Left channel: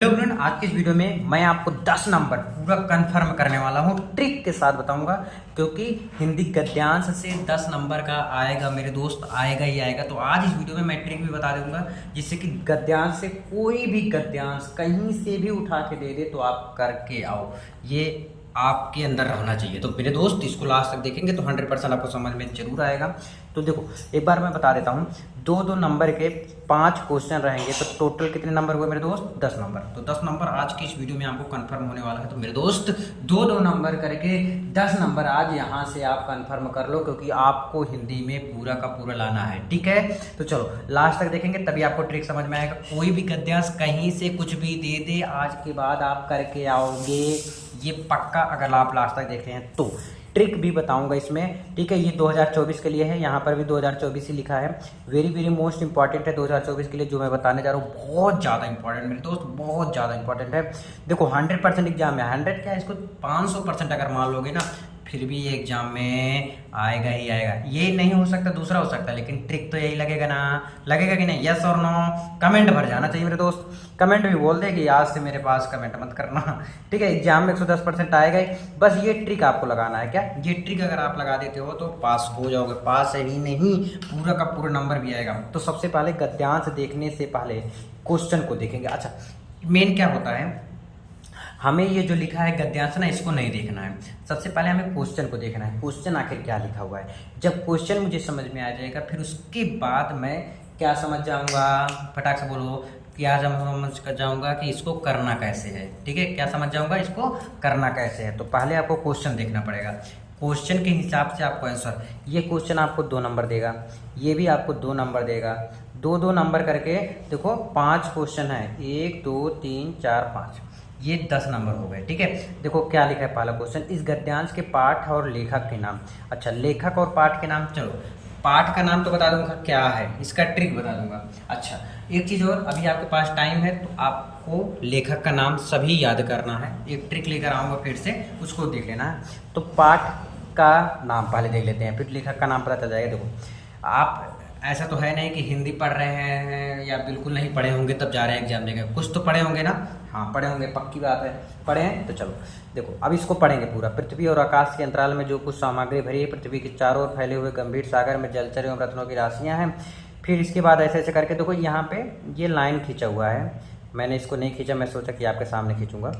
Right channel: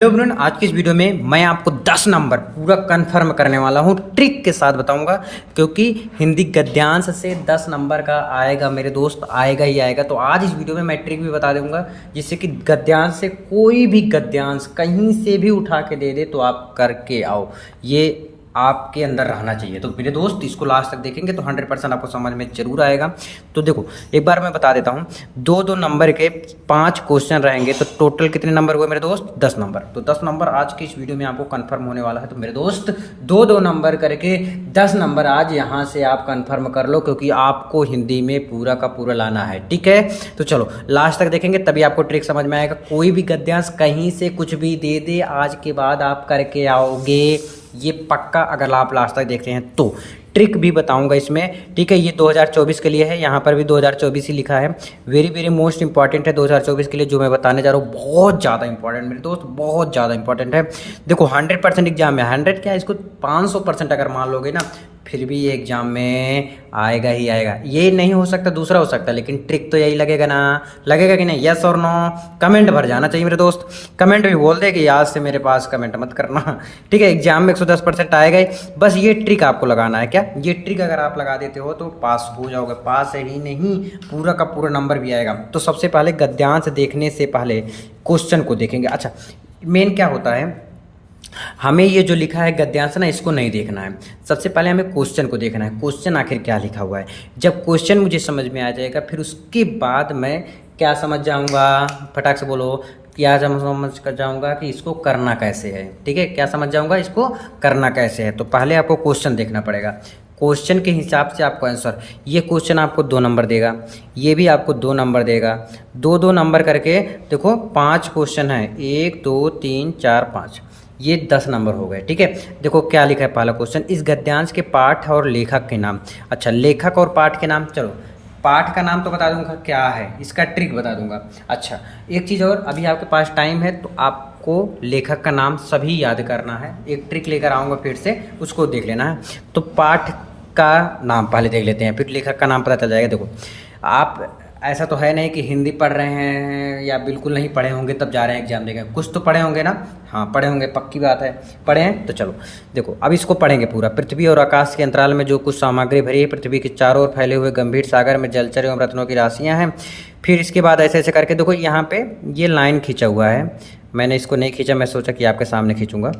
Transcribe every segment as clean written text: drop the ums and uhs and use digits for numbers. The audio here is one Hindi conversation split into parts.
हेलो एवरीवन, आज की इस वीडियो में मैं आपको 10 नंबर पूरा कंफर्म करने वाला हूँ, ट्रिक के साथ बताऊंगा। क्योंकि हिंदी गद्यांश से 10 नंबर का आएगा मेरे दोस्त, आएगा ही आएगा। तो आज इस वीडियो में मैं ट्रिक भी बता दूंगा, जिससे कि गद्यांश से कोई भी गद्यांश कहीं से भी उठा के दे दे तो आप करके आओ। ये आपके अंदर रहना चाहिए। तो मेरे दोस्त इसको लास्ट तक देखेंगे तो 100% आपको समझ में जरूर आएगा। तो देखो, एक बार मैं बता देता हूँ, दो दो नंबर के 5 क्वेश्चन रहेंगे। तो टोटल कितने नंबर हुए मेरे दोस्त? 10 नंबर। तो 10 नंबर आज की इस वीडियो में आपको कंफर्म होने वाला है। तो मेरे दोस्त दो दो नंबर करके 10 नंबर आज यहाँ से आप कंफर्म कर लो, क्योंकि आपको हिंदी में पूरा का पूरा लाना है। ठीक है, तो चलो लास्ट तक देखेंगे तभी आपको ट्रिक समझ में आएगा। कोई भी गद्यांश कहीं से कुछ भी दे दे, आज के बाद आप करके आओगे, ये पक्का। अगर आप लास्ट तक देखते हैं तो ट्रिक भी बताऊंगा इसमें। ठीक है, ये 2024 के लिए है, यहाँ पर भी 2024 ही लिखा है। वेरी वेरी मोस्ट इंपॉर्टेंट है 2024 के लिए जो मैं बताने जा रहा हूँ। बहुत ज़्यादा इंपॉर्टेंट मेरे दोस्त, बहुत ज़्यादा इंपॉर्टेंट है। देखो 100% एग्जाम है, 100 क्या है, इसको 500% अगर मान लोगे ना, फिर भी ये एग्जाम में आएगा ही आएगा। ये नहीं हो सकता, दूसरा हो सकता है, लेकिन ट्रिक तो यही लगेगा ना, लगेगा कि नहीं? यस और नो कमेंट भर जाना चाहिए मेरे दोस्त। कमेंट भी बोल दे कि आज से मेरे पास कमेंट मत करना। ठीक है, एग्जाम में 110% आएगा ही। बस ये ट्रिक आपको लगाना है। क्या ये ट्रिक अगर आप लगा देते हो तो पास हो जाओगे। पास ही नहीं, पूरा का पूरा नंबर भी आएगा। तो सबसे पहले गद्यांश देखने से पहले क्वेश्चन को देखेंगे। अच्छा, मेन क्या होता है, हमें ये जो लिखा है गद्यांश ना, इसको नहीं देखना है। सबसे पहले हमें क्वेश्चन को देखना है, क्वेश्चन आखिर क्या लिखा हुआ है। जब क्वेश्चन मुझे समझ में आ जाएगा, फिर उसके बाद मैं क्या समझ जाऊंगा, फटाक से बोलो, क्या समझ कर जाऊंगा कि इसको करना कैसे है। ठीक है, क्या समझ जाऊंगा, इसको करना कैसे है। तो पहले आपको क्वेश्चन देखना पड़ेगा, क्वेश्चन के हिसाब से आपको आंसर। ये क्वेश्चन आपको 2 नंबर देगा, ये भी आपको 2 नंबर देगा। 2-2 नंबर करके देखो 5 क्वेश्चन है, 1 2 3 4 5, ये 10 नंबर हो गए। ठीक है, देखो क्या लिखा है पहला क्वेश्चन, इस गद्यांश के पाठ और लेखक के नाम। अच्छा, लेखक और पाठ के नाम, चलो पाठ का नाम तो बता दूंगा क्या है, इसका ट्रिक बता दूंगा। अच्छा, एक चीज़ और, अभी आपके पास टाइम है तो आपको लेखक का नाम सभी याद करना है। एक ट्रिक लेकर आऊँगा फिर से, उसको देख लेना है। तो पाठ का नाम पहले देख लेते हैं, फिर लेखक का नाम पता चल जाएगा। देखो, आप ऐसा तो है नहीं कि हिंदी पढ़ रहे हैं या बिल्कुल नहीं पढ़े होंगे तब जा रहे हैं एग्जाम देकर, कुछ तो पढ़े होंगे ना। हाँ पढ़े होंगे, पक्की बात है, पढ़े हैं। तो चलो देखो, अब इसको पढ़ेंगे पूरा। पृथ्वी और आकाश के अंतराल में जो कुछ सामग्री भरी है, पृथ्वी के चारों ओर फैले हुए गंभीर सागर में जलचर एवं रत्नों की राशियाँ हैं। फिर इसके बाद ऐसे ऐसे करके देखो, यहाँ पे ये लाइन खींचा हुआ है। मैंने इसको नहीं खींचा, मैं सोचा कि आपके सामने खींचूंगा।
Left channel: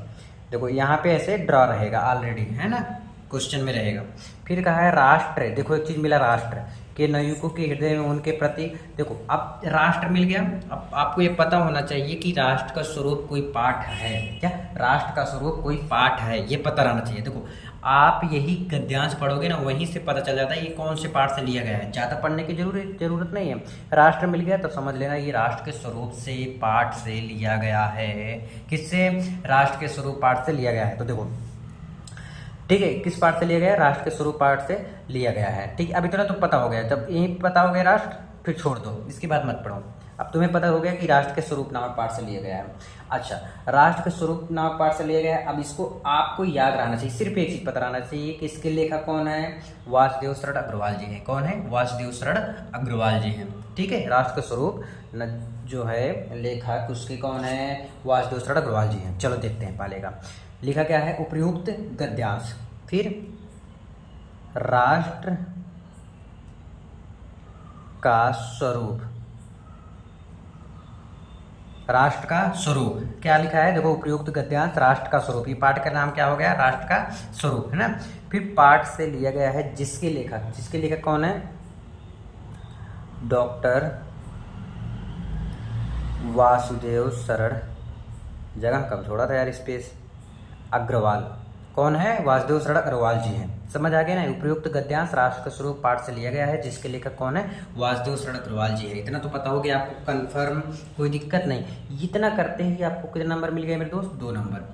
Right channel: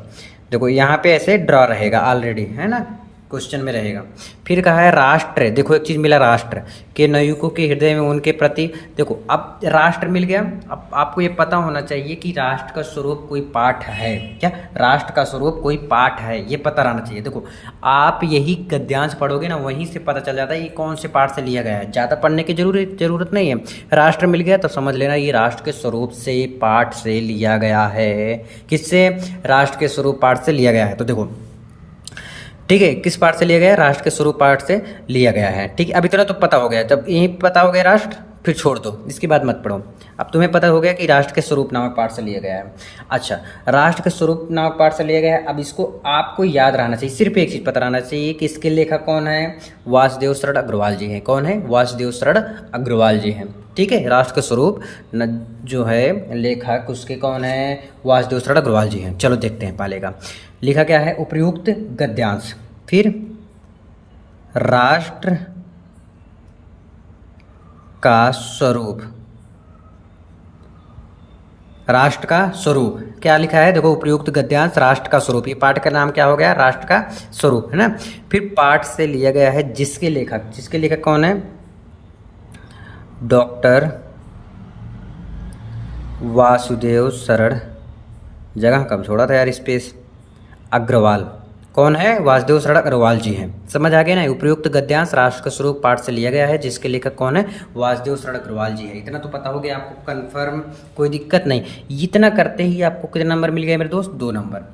देखो यहाँ पे ऐसे ड्रॉ रहेगा ऑलरेडी, है ना, क्वेश्चन में रहेगा। फिर कहा है राष्ट्र, देखो एक चीज़ मिला, राष्ट्र के नवयुवकों के हृदय में उनके प्रति। देखो अब राष्ट्र मिल गया। अब आपको ये पता होना चाहिए कि राष्ट्र का स्वरूप कोई पाठ है क्या, राष्ट्र का स्वरूप कोई पाठ है, ये पता रहना चाहिए। देखो आप यही गद्यांश पढ़ोगे ना, वहीं से पता चल जाता है ये कौन से पाठ से लिया गया है। ज़्यादा पढ़ने की जरूरत नहीं है। राष्ट्र मिल गया तो समझ लेना ये राष्ट्र के स्वरूप से, पाठ से लिया गया है। किससे? राष्ट्र के स्वरूप पाठ से लिया गया है। तो देखो ठीक है, किस पार्ट से लिया गया है? राष्ट्र के स्वरूप पार्ट से लिया गया है। ठीक है, अब इतना तो पता हो गया। जब यही पता हो गया राष्ट्र, फिर छोड़ दो, इसके बाद मत पढ़ो। अब तुम्हें पता हो गया कि राष्ट्र के स्वरूप नामक पाठ से लिया गया है। अच्छा, राष्ट्र के स्वरूप नामक पाठ से लिया गया है। अब इसको आपको याद रहना चाहिए, सिर्फ एक चीज़ पता रहना चाहिए कि इसके लेखक कौन है? वासुदेव शरण अग्रवाल जी हैं। कौन है? वासुदेव शरण अग्रवाल जी हैं। ठीक है, राष्ट्र के स्वरूप जो है लेखक उसके कौन है? वासुदेव शरण अग्रवाल जी हैं। चलो देखते हैं पहले का लिखा क्या है, उपर्युक्त गद्यांश, फिर राष्ट्र का स्वरूप। राष्ट्र का स्वरूप क्या लिखा है? देखो, उपर्युक्त गद्यांश राष्ट्र का स्वरूप, ये पाठ का नाम क्या हो गया? राष्ट्र का स्वरूप, है ना। फिर पाठ से लिया गया है जिसके लेखक, जिसके लेखक कौन है? डॉक्टर वासुदेव शरण, जगह कब छोड़ा था यार स्पेस, अग्रवाल। कौन है? वासुदेव शरण अग्रवाल जी हैं। समझ आ गया ना, उपर्युक्त गद्यांश राष्ट्र का स्वरूप पाठ से लिया गया है, जिसके लेखक कौन है? वासुदेव शरण अग्रवाल जी है। इतना तो पता हो गया आपको कंफर्म, कोई दिक्कत नहीं। इतना करते ही आपको कितने नंबर मिल गए मेरे दोस्त? 2 नंबर।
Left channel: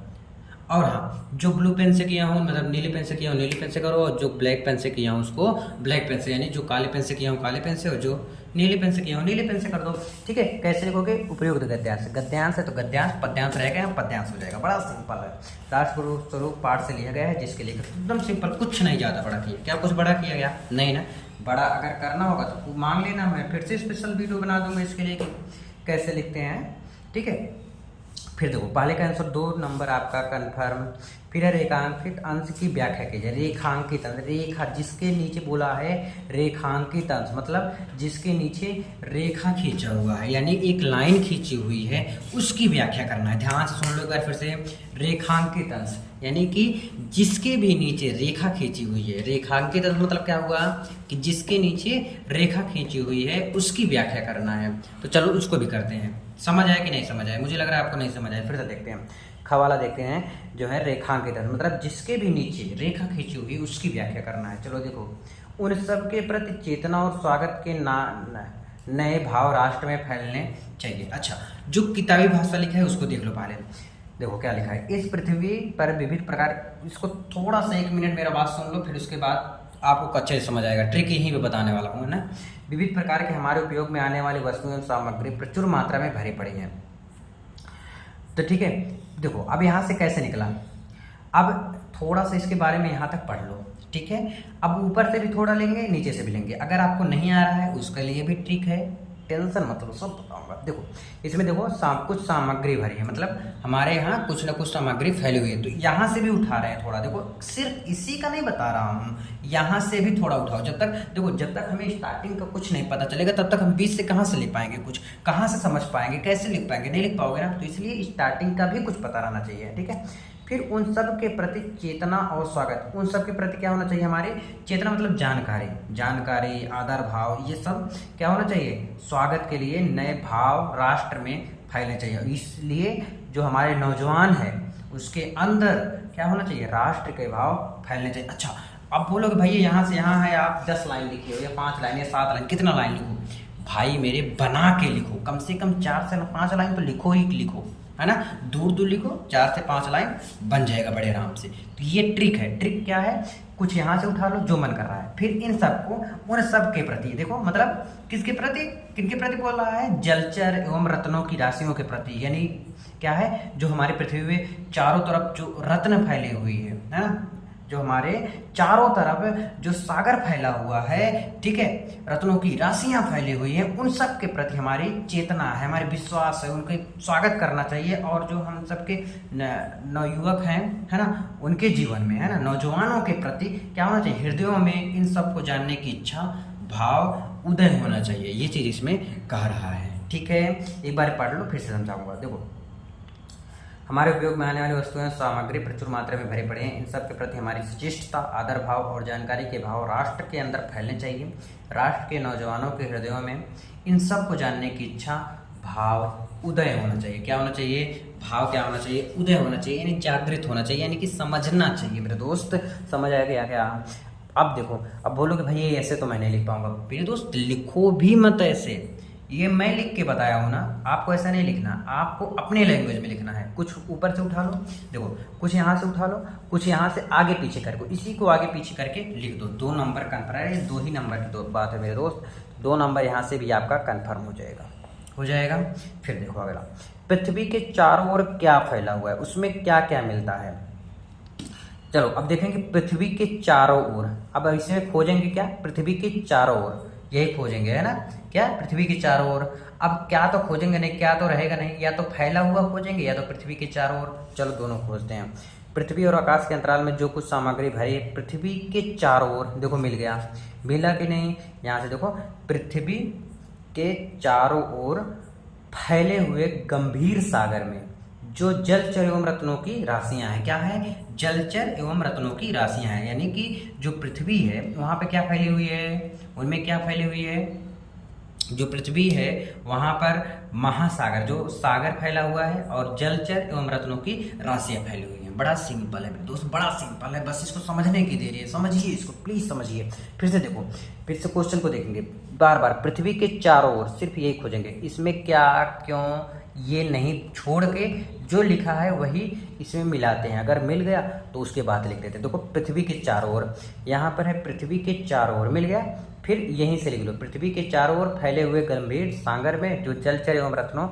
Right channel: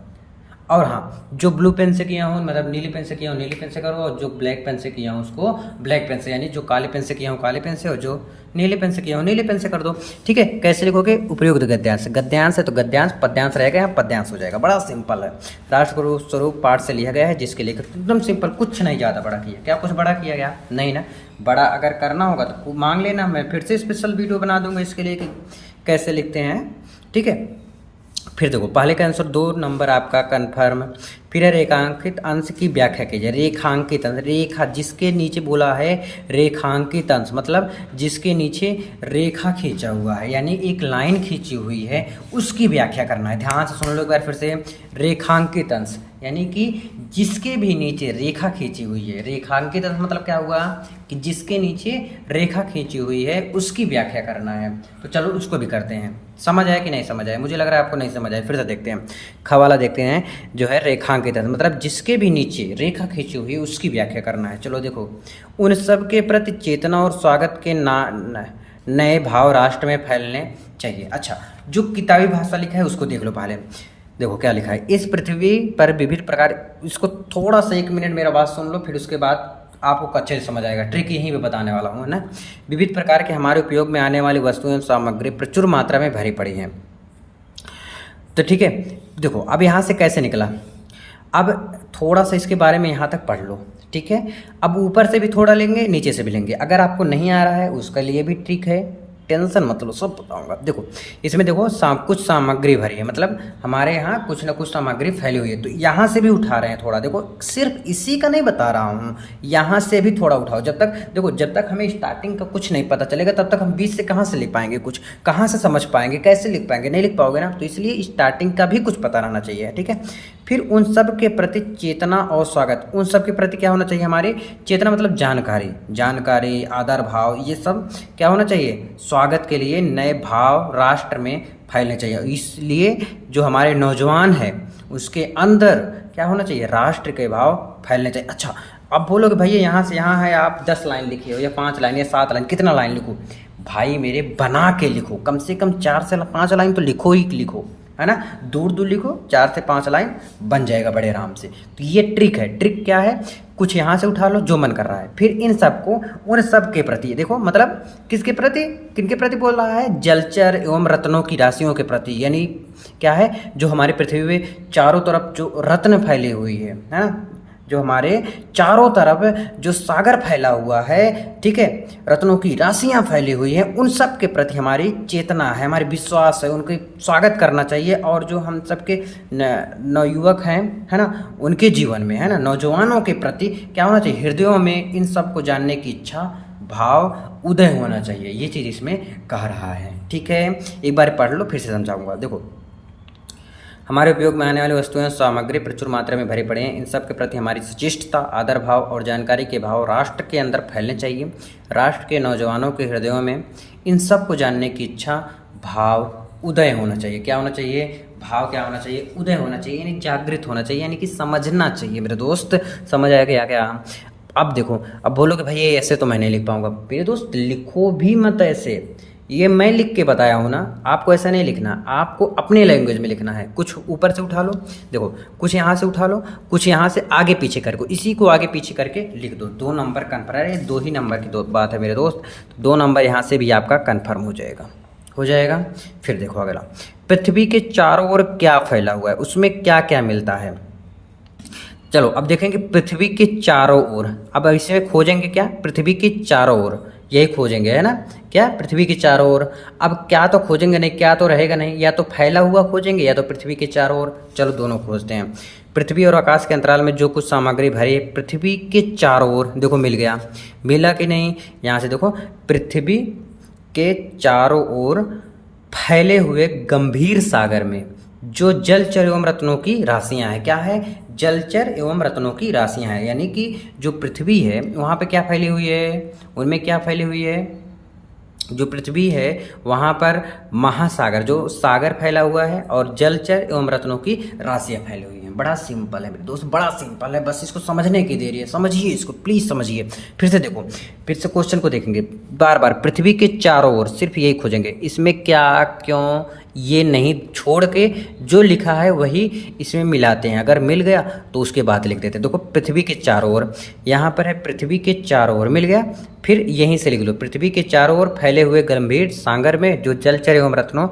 और हाँ, जो ब्लू पेन से किया हूँ, मतलब नीली पेन से किया हूँ नीली पेन से करो, और जो ब्लैक पेन से किया हूँ उसको ब्लैक पेन से, यानी जो काले पेन से किया हूँ काले पेन से, और जो नीले पेन से किया हूँ नीले पेन से कर दो। ठीक है, कैसे लिखोगे? उपर्युक्त गद्यांश, गद्यांश है तो गद्यांश, पद्यांश रहेगा, यहाँ पद्यांश हो जाएगा। बड़ा सिंपल है। राष्ट्र स्वरूप पाठ से लिया गया है, जिसके लेखक, एकदम सिंपल, कुछ नहीं ज़्यादा बड़ा किया। क्या कुछ बड़ा किया गया? नहीं ना। बड़ा अगर करना होगा तो मांग लेना, मैं फिर से स्पेशल वीडियो बना दूंगा इसके लिए कि कैसे लिखते हैं। ठीक है, फिर देखो पहले का आंसर 2 नंबर आपका कन्फर्म। फिर है रेखांकित अंश की व्याख्या कीजिए। रेखांकित अंश, रेखा जिसके नीचे बोला है रेखांकित अंश मतलब जिसके नीचे रेखा खींचा हुआ है, यानी एक लाइन खींची हुई है, उसकी व्याख्या करना है। ध्यान से सुन लो एक बार फिर से। रेखांकित अंश यानी कि जिसके भी नीचे रेखा खींची हुई है। रेखांकित अंश मतलब क्या हुआ कि जिसके नीचे रेखा खींची हुई है उसकी व्याख्या करना है। तो चलो उसको भी करते हैं। समझ आया कि नहीं समझ आया? मुझे लग रहा है आपको नहीं समझ आया। फिर से देखते हैं। खवाला देखते हैं जो है रेखांकित अंश मतलब जिसके भी नीचे रेखा खींची हुई है उसकी व्याख्या करना है। चलो देखो, उन सब के प्रति चेतना और स्वागत के नए भाव राष्ट्र में फैलने चाहिए। अच्छा, जो किताबी भाषा लिखा है उसको देख लो पहले। देखो क्या लिखा है, इस पृथ्वी पर विभिन्न प्रकार, इसको थोड़ा सा 1 मिनट मेरा बात सुन लो, फिर उसके बाद आपको अच्छे से समझ आएगा। ट्रिक यहीं पे बताने वाला हूँ ना। विविध प्रकार के हमारे उपयोग में आने वाली वस्तुएं और सामग्री प्रचुर मात्रा में भरी पड़ी हैं। तो ठीक है, देखो अब यहाँ से कैसे निकला। अब थोड़ा सा इसके बारे में यहाँ तक पढ़ लो, ठीक है। अब ऊपर से भी थोड़ा लेंगे, नीचे से भी लेंगे। अगर आपको नहीं आ रहा है उसके लिए भी ट्रिक है, टेंशन मत लो, सब बताऊंगा। देखो इसमें देखो कुछ सामग्री भरी है, मतलब हमारे यहाँ कुछ ना कुछ सामग्री फैली हुई है। तो यहाँ से भी उठा रहे हैं थोड़ा। देखो सिर्फ इसी का नहीं बता रहा हूँ, यहाँ से भी थोड़ा उठाओ। जब तक देखो, जब तक हमें स्टार्टिंग का कुछ नहीं पता चलेगा तब तक हम बीच से कहाँ से लिख पाएंगे, कुछ कहाँ से समझ पाएंगे, कैसे लिख पाएंगे, नहीं लिख पाओगे ना। तो इसलिए स्टार्टिंग का भी कुछ पता रहना चाहिए, ठीक है। फिर उन सब के प्रति चेतना और स्वागत, उन सब के प्रति क्या होना चाहिए हमारे, चेतना मतलब जानकारी, जानकारी, आदर भाव, ये सब क्या होना चाहिए, स्वागत के लिए नए भाव राष्ट्र में फैलने चाहिए। इसलिए जो हमारे नौजवान हैं उसके अंदर क्या होना चाहिए, राष्ट्र के भाव फैलने चाहिए। अच्छा, अब बोलोगे भैया यहाँ से यहाँ है, आप 10 लाइन लिखिए हो या 5 लाइन या 7 लाइन, कितना लाइन लिखो भाई मेरे, बना के लिखो, कम से कम 4 से 5 लाइन तो लिखो ही लिखो, है ना। दूर दूर लिखो, 4 से 5 लाइन बन जाएगा बड़े आराम से। तो ये ट्रिक है। ट्रिक क्या है, कुछ यहाँ से उठा लो जो मन कर रहा है, फिर इन सबको उन सब के प्रति, देखो मतलब किसके प्रति, किनके प्रति बोल रहा है, जलचर एवं रत्नों की राशियों के प्रति, यानी क्या है, जो हमारी पृथ्वी में चारों तरफ जो रत्न फैली हुई है ना, जो हमारे चारों तरफ जो सागर फैला हुआ है, ठीक है, रत्नों की राशियां फैली हुई हैं, उन सब के प्रति हमारी चेतना है, हमारी विश्वास है, उनके स्वागत करना चाहिए। और जो हम सबके नवयुवक हैं, है ना, उनके जीवन में, है ना, नौजवानों के प्रति क्या होना चाहिए, हृदयों में इन सब को जानने की इच्छा भाव उदय होना चाहिए। ये चीज़ इसमें कह रहा है, ठीक है। एक बार पढ़ लो, फिर से समझाऊंगा। देखो, हमारे उपयोग में आने वाली वस्तुएं सामग्री प्रचुर मात्रा में भरे पड़े हैं। इन सब के प्रति हमारी सचिष्टता, आदर भाव और जानकारी के भाव राष्ट्र के अंदर फैलने चाहिए। राष्ट्र के नौजवानों के हृदयों में इन सब को जानने की इच्छा भाव उदय होना चाहिए। क्या होना चाहिए, भाव क्या होना चाहिए, उदय होना चाहिए, यानी जागृत होना चाहिए, यानी कि समझना चाहिए। मेरे दोस्त समझ आएगा क्या? अब देखो, अब बोलोगे भाई ये ऐसे तो मैं नहीं लिख पाऊंगा। मेरे दोस्त लिखो भी मत ऐसे, ये मैं लिख के बताया हूँ ना, आपको ऐसा नहीं लिखना, आपको अपनी लैंग्वेज में लिखना है। कुछ ऊपर से उठा लो, देखो कुछ यहाँ से उठा लो, कुछ यहाँ से आगे पीछे करके, इसी को आगे पीछे करके लिख दो। 2 नंबर कन्फर्म है, 2 ही नंबर की बात है मेरे दोस्त। 2 नंबर यहाँ से भी आपका कन्फर्म हो जाएगा। फिर देखो अगला, पृथ्वी के चारों ओर क्या फैला हुआ है, उसमें क्या क्या मिलता है। चलो अब देखेंगे पृथ्वी के चारों ओर। अब इसमें खोजेंगे क्या, पृथ्वी के चारों ओर, यही खोजेंगे, है ना, क्या, पृथ्वी के चारों ओर। अब क्या तो खोजेंगे नहीं, क्या तो रहेगा नहीं, या तो फैला हुआ खोजेंगे या तो पृथ्वी के चारों ओर। चलो दोनों खोजते हैं। पृथ्वी और आकाश के अंतराल में जो कुछ सामग्री भरी है पृथ्वी के चारों ओर, देखो मिल गया, मिला कि नहीं। यहाँ से देखो, पृथ्वी के चारों ओर फैले हुए गंभीर सागर में जो जलचर एवं रत्नों की राशियां हैं, क्या है, जलचर एवं रत्नों की राशियां हैं, यानी कि जो पृथ्वी है वहाँ पे क्या फैली हुई है, उनमें क्या फैली हुई है, जो पृथ्वी है वहाँ पर महासागर, जो सागर फैला हुआ है, और जलचर एवं रत्नों की राशियां फैली हुई हैं। बड़ा सिंपल है दोस्त, बड़ा सिंपल है, बस इसको समझने की देरी है। समझिए इसको, प्लीज़ समझिए। फिर से देखो, फिर से क्वेश्चन को देखेंगे बार बार। पृथ्वी के चारों ओर सिर्फ यही खोजेंगे, इसमें क्या, क्यों, ये नहीं छोड़ के जो लिखा है वही इसमें मिलाते हैं। अगर मिल गया तो उसके बाद लिख देते हैं। देखो पृथ्वी के चारों ओर, यहाँ पर है पृथ्वी के चारों ओर, मिल गया, फिर यहीं से लिख लो, पृथ्वी के चारों ओर फैले हुए गंभीर सागर में जो जलचर एवं रत्नों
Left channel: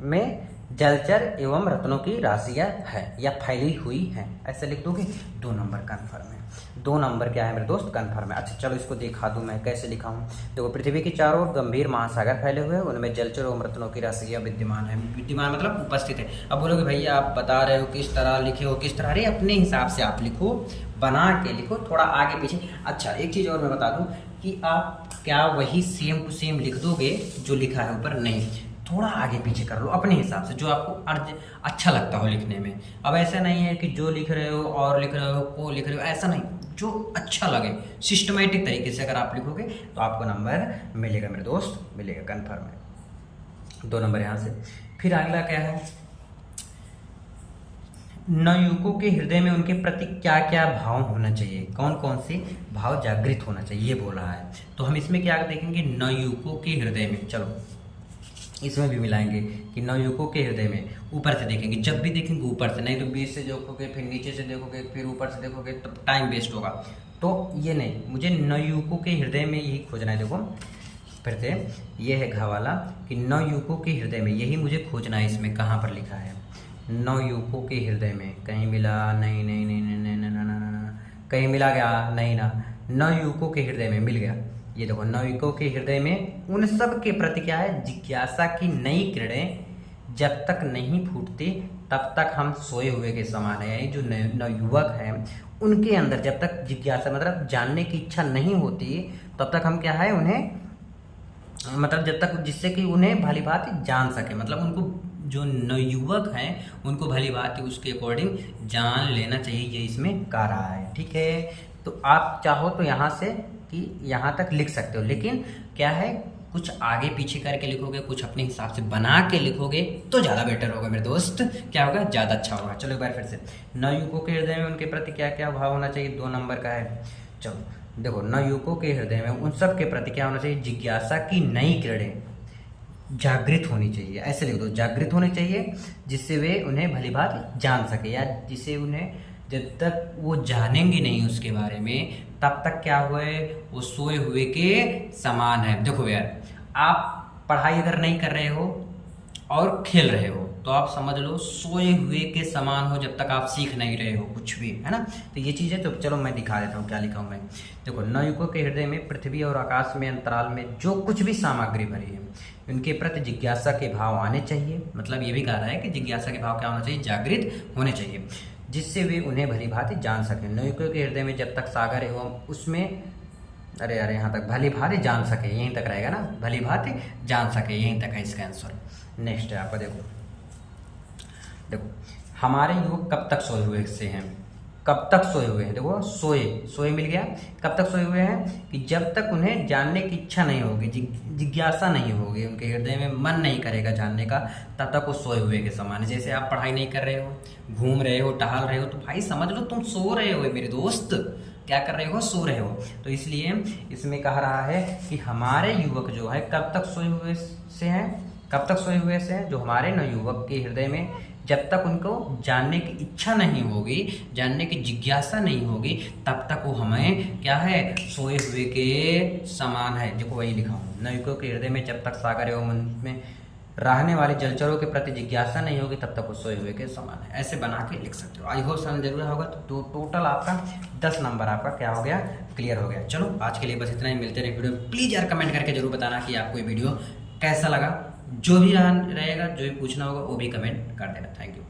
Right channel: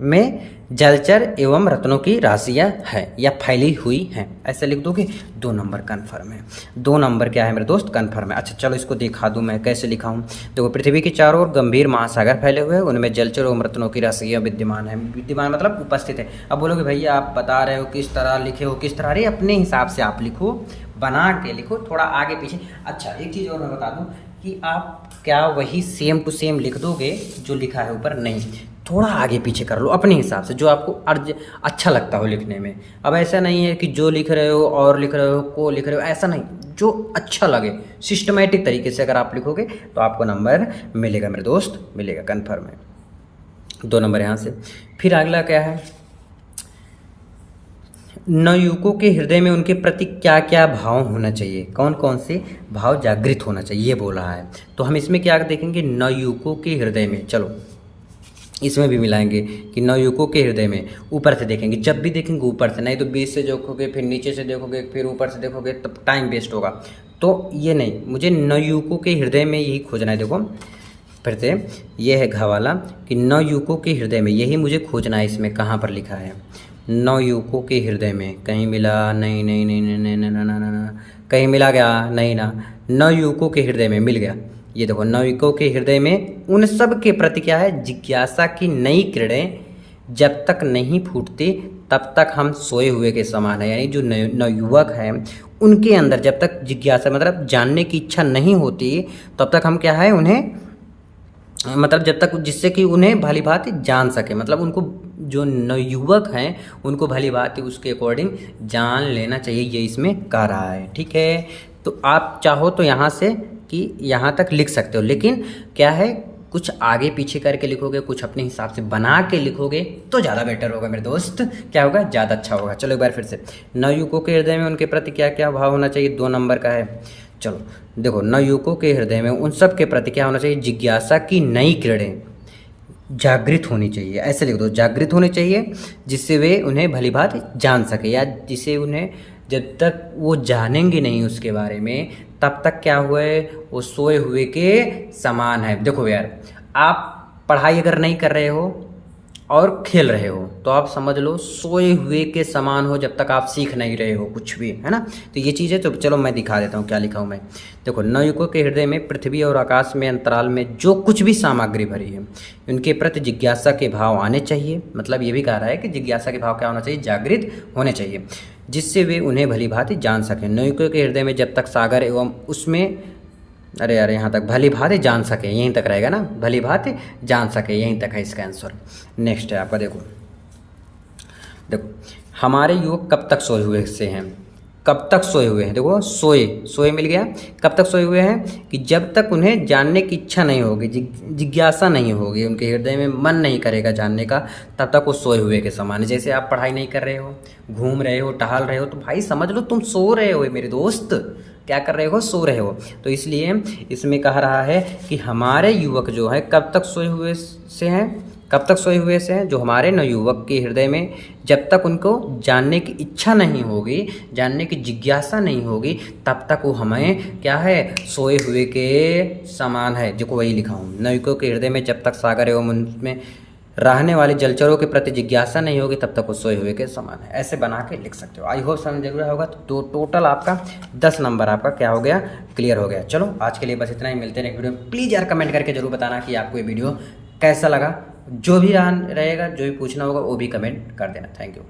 में जलचर एवं रत्नों की राशियाँ है या फैली हुई हैं, ऐसे लिख दोगे। 2 नंबर कन्फर्म है। 2 नंबर क्या है मेरे दोस्त? कन्फर्म है। अच्छा चलो इसको दिखा दूं मैं कैसे लिखा हूँ। देखो पृथ्वी के चारों ओर गंभीर महासागर फैले हुए हैं, उनमें जलचर एवं रत्नों की राशियाँ विद्यमान है। विद्यमान मतलब उपस्थित है। अब बोलोगे भैया आप बता रहे हो किस तरह लिखे हो, किस तरह? अरे अपने हिसाब से आप लिखो, बना के लिखो, थोड़ा आगे पीछे। अच्छा एक चीज़ और मैं बता दूं कि आप क्या वही सेम टू सेम लिख दोगे जो लिखा है ऊपर? नहीं, थोड़ा आगे पीछे कर लो अपने हिसाब से, जो आपको अर्ज अच्छा लगता हो लिखने में। अब ऐसा नहीं है कि जो लिख रहे हो और लिख रहे हो को लिख रहे हो, ऐसा नहीं, जो अच्छा लगे सिस्टमेटिक तरीके से अगर आप लिखोगे तो आपको नंबर मिलेगा मेरे दोस्त, मिलेगा, कन्फर्म है। 2 नंबर यहाँ से। फिर अगला क्या है? नवयुवकों के हृदय में उनके प्रति क्या क्या भाव होना चाहिए, कौन कौन से भाव जागृत होना चाहिए, ये बोला है। तो हम इसमें क्या देखेंगे? नवयुवकों के हृदय में, चलो इसमें भी मिलाएंगे कि नवयुवकों के हृदय में। ऊपर से देखेंगे, जब भी देखेंगे ऊपर से, नहीं तो बीच से देखोगे, फिर नीचे से देखोगे, फिर ऊपर से देखोगे, तब टाइम वेस्ट होगा। तो ये नहीं, मुझे नवयुवकों के हृदय में यही खोजना है। देखो फिर से ये है घ वाला कि नवयुवकों के हृदय में, यही मुझे खोजना है। इसमें कहाँ पर लिखा है? नवयुवकों के हृदय में कहीं मिला? नहीं नहीं नहीं नहीं नहीं नहीं नहीं नहीं, कहीं मिला क्या? नहीं ना। नवयुवकों के हृदय में मिल गया। ये देखो, नवयुवकों के हृदय में उन सब के प्रति क्या है? जिज्ञासा की नई किरणें जब तक नहीं फूटती तब तक हम सोए हुए के समान है। यानी जो नवयुवक हैं उनके अंदर जब तक जिज्ञासा मतलब जानने की इच्छा नहीं होती तब तक हम क्या है उन्हें, मतलब जब तक, जिससे कि उन्हें भली भांति जान सके, मतलब उनको जो नवयुवक हैं उनको भली भांति उसके अकॉर्डिंग जान लेना चाहिए, ये इसमें कह रहा है। ठीक है, तो आप चाहो तो यहाँ से कि यहाँ तक लिख सकते हो, लेकिन क्या है कुछ आगे पीछे करके लिखोगे, कुछ अपने हिसाब से बना के लिखोगे तो ज़्यादा बेटर होगा मेरे दोस्त। क्या होगा? ज़्यादा अच्छा होगा। चलो एक बार फिर से, नवयुवकों के हृदय में उनके प्रति क्या क्या भाव होना चाहिए? 2 नंबर का है। चलो देखो, नवयुवकों के हृदय में उन सब के प्रति क्या होना चाहिए? जिज्ञासा की नई किरणें जागृत होनी चाहिए, ऐसे लिख दो, जागृत होनी चाहिए, जिससे वे उन्हें भली भांति जान सके, या जिसे उन्हें जब तक वो जानेंगे नहीं उसके बारे में तब तक क्या हुए? वो सोए हुए के समान है। देखो यार, आप पढ़ाई अगर नहीं कर रहे हो और खेल रहे हो तो आप समझ लो सोए हुए के समान हो जब तक आप सीख नहीं रहे हो कुछ भी, है ना। तो ये चीज़ है। तो चलो मैं दिखा देता हूँ क्या लिखा हूँ मैं। देखो, नवयुवकों के हृदय में पृथ्वी और आकाश में अंतराल में जो कुछ भी सामग्री भरी है उनके प्रति जिज्ञासा के भाव आने चाहिए। मतलब ये भी कह रहा है कि जिज्ञासा के भाव क्या होना चाहिए? जागृत होने चाहिए, जिससे वे उन्हें भली भांति जान सकें। नवयुवकों के हृदय में जब तक सागर एवं उसमें, अरे यार यहाँ तक भली भांति जान सके, यहीं तक रहेगा ना, भली भांति जान सके, यहीं तक है इसका आंसर। नेक्स्ट है आपका, देखो देखो, हमारे युवक कब तक सोए हुए से हैं? कब तक सोए हुए हैं? देखो सोए, सोए मिल गया। कब तक सोए हुए हैं? कि जब तक उन्हें जानने की इच्छा नहीं होगी, जिज्ञासा नहीं होगी, उनके हृदय में मन नहीं करेगा जानने का, तब तक वो सोए हुए के समान है। जैसे आप पढ़ाई नहीं कर रहे हो, घूम रहे हो, टहल रहे हो, तो भाई समझ लो तुम सो रहे हो मेरे दोस्त। क्या कर रहे हो? सो रहे हो। तो इसलिए इसमें कह रहा है कि हमारे युवक जो है कब तक सोए हुए से हैं? कब तक सोए हुए से हैं? जो हमारे नवयुवक के हृदय में जब तक उनको जानने की इच्छा नहीं होगी, जानने की जिज्ञासा नहीं होगी, तब तक वो हमें क्या है? सोए हुए के समान है। जो को वही लिखा हूँ, नवयुवकों के हृदय में जब तक सागर एवं उनमें रहने वाले जलचरों के प्रति जिज्ञासा नहीं होगी तब तक वो सोए हुए के समान है। ऐसे बना के लिख सकते हो। आई होप समझ गया होगा। तो टोटल आपका 10 नंबर आपका क्या हो गया? क्लियर हो गया। चलो आज के लिए बस इतना ही, मिलते हैं वीडियो में। प्लीज़ यार कमेंट करके जरूर बताना कि आपको ये वीडियो कैसा लगा। जो भी रहेगा, जो भी पूछना होगा वो भी कमेंट कर देना। Thank you.